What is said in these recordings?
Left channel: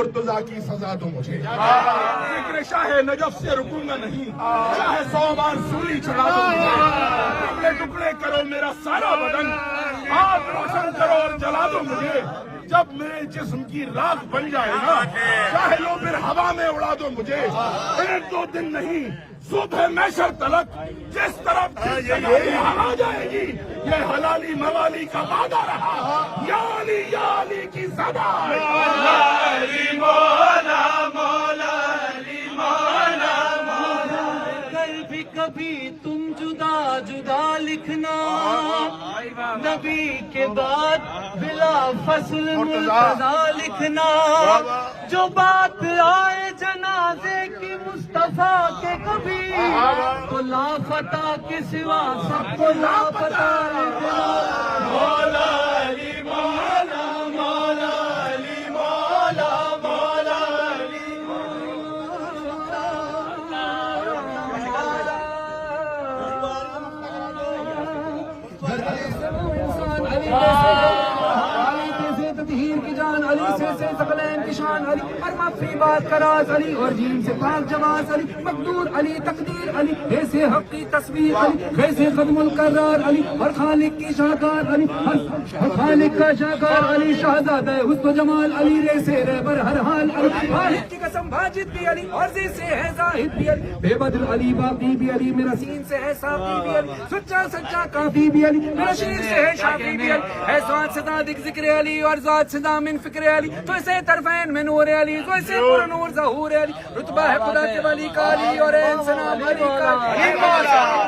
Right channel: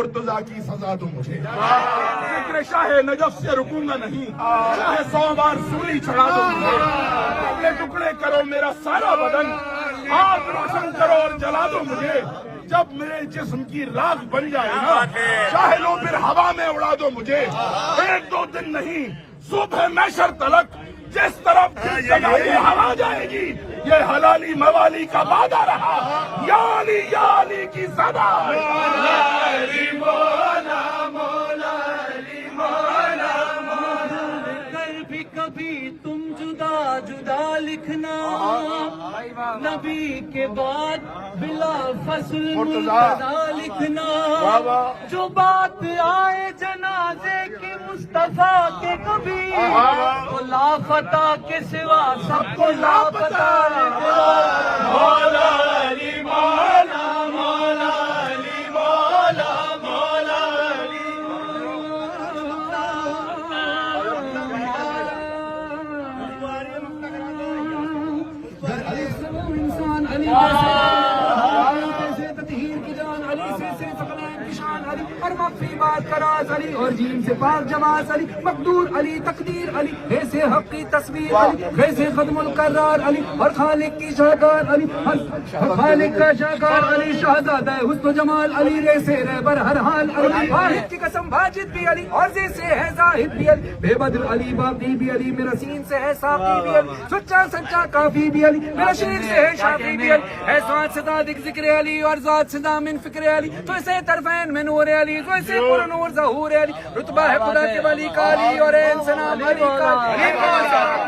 مرتضیٰ کی سزا دو مجھے، فکر شاہ نجف سے رکوں گا نہیں، چاہے 100 بار سولی چڑھا دو مجھے، ٹکڑے ٹکڑے کرو میرا سارا بدن، آگ روشن کرو اور جلا دو مجھے، جب میرے جسم کی راکھ بن جائے نا چاہے لو پھر ہوا میں اڑا دو مجھے، 1-2 دن نہیں صبح محشر تلک جس طرف ہوا جائے گی یہ حلالی موالی کا وعدہ رہا، یا علی کی صدا، کبھی تم جدا جدا لکھنا، نبی کے بعد بلا فصل مرتضیٰ لکھنا، جو بات آئے جنازے کی مصطفیٰ پہ کبھی تو لاپتہ کے سوا سب کو لاپتہ لکھنا، مولا علی مولا مولا علی مولا مولا علی علی سے ثقلین کی شان علی، ہر مخفی بات کا راز علی، اور جین سے پاک جواز علی، مقدور علی تقدیر علی، ایسے حق کی تصویر علی، ویسے قدم القرار علی، اور خالق کی شاہکار علی، اور خالق کا شاہکار علی، شہزادہ حسن و جمال علی، ریسے رہبر ہر حال علی، واحد کی قسم واجد بھی علی، اور سے ہے زاہد بھی علی، بے بدر علی باقی بھی علی، میرا سین سے ہے ساقی بھی علی، سچا سچا کافی بھی علی، میرا شیر سے ہے شافی بھی علی، ہے ذات سے صادق ذکر علی، اور ذات سے دامن فکر علی، تو اسے طرفین میں نور علی، تو اسے پر نور ظہور علی، رتبہ ہے خدا کے ولی کا علی، اور انسان علی کا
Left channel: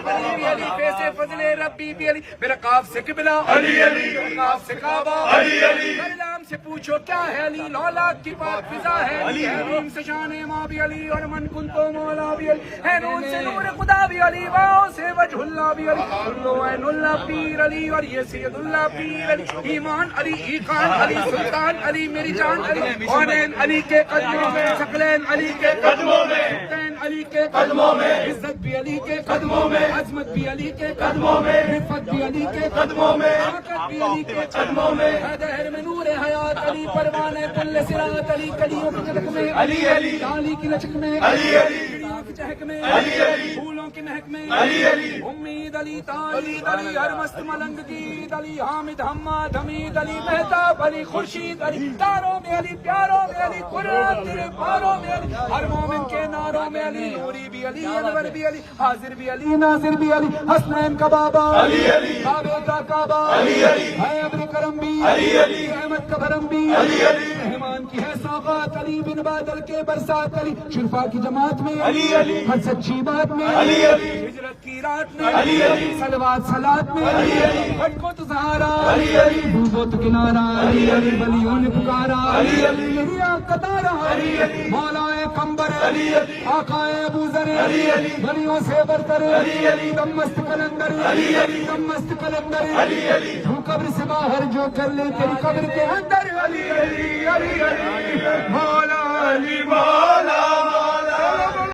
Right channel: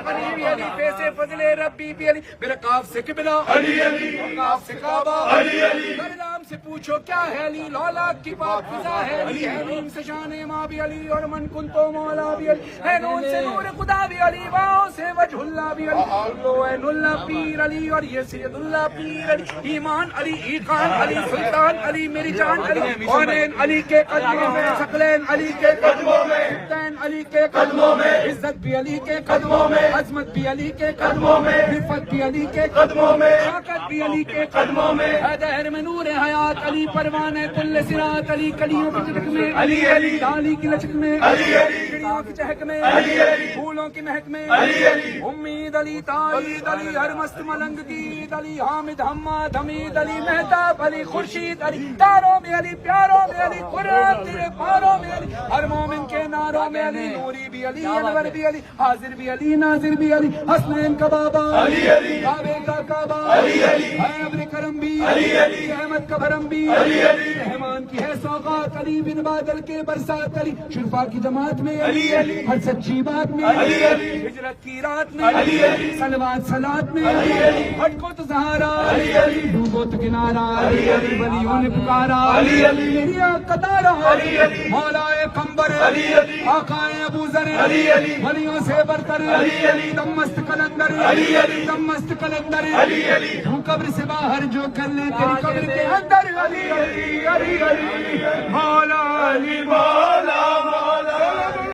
علی، علی پیسے فضل ربی بھی علی، میرا قاف سے قبلہ علی علی، قاف سے کعبہ علی علی، نام سے پوچھو کیا ہے علی، لولاک کی بات فضا ہے علی، ہے نیم سے شان ماں بھی علی، اور من کن تو مولا بھی علی، ہے نون سے نور خدا بھی علی، واؤ سے وجہ اللہ بھی علی، اللہ عین اللہ پیر علی، اور یہ سید اللہ پیر علی، ایمان علی ایقان علی، سلطان علی میری جان علی، کونین علی کے قدموں میں، ثقلین علی کے قدموں میں، سبتین علی کے قدموں میں، عزت بھی علی کے قدموں میں، عظمت بھی علی کے قدموں میں، رفت بھی علی کے قدموں میں، طاقت بھی علی کے قدموں میں، ہے دہر میں نور حیات علی، پروانے کل صراط علی، کلیوں کی چٹک میں علی علی، ڈالی کی لچک میں علی علی، چڑیوں کی چہک میں علی علی، پھولوں کی مہک میں علی علی، امید علی تالید علی، ہر مست ملنگ گیت علی، حامد حماد حمید علی، مہتاب علی خورشید علی، تاروں میں علی، پیاروں میں علی، قرآن تیرے پاروں میں علی، ہر مومن کے ناروں میں علی، نوری بھی علی، انور بھی علی، حاضر بھی علی، ناظر بھی علی، حسنین کا بابا علی علی، کعبے کا کعبہ علی علی، ہے ابر کرم بھی علی علی، رحمت کا بھرم بھی علی علی، رحمان کی ہے سوغات علی، بن بادل کے برسات علی، شرفا کی جماعت میں علی علی، ہر سچی بات میں علی علی، ہجرت کی رات میں علی علی، صلوات صلات میں علی علی، ہٹ کو تو سہارا علی علی، ڈوبو تو کنارا علی علی، ولیوں نے پکارا علی علی، یہی آگ کا تارا علی علی، مولا کمبر علی علی، آقا ابو ذر علی علی، ولیوں سے برتر علی علی، دم مست کلندر علی علی، دم مست کلندر علی علی، تو قبر سے باہر جو کر لے تیری قبر کے اندر علی علی علی علی، مولا علی مولا مولا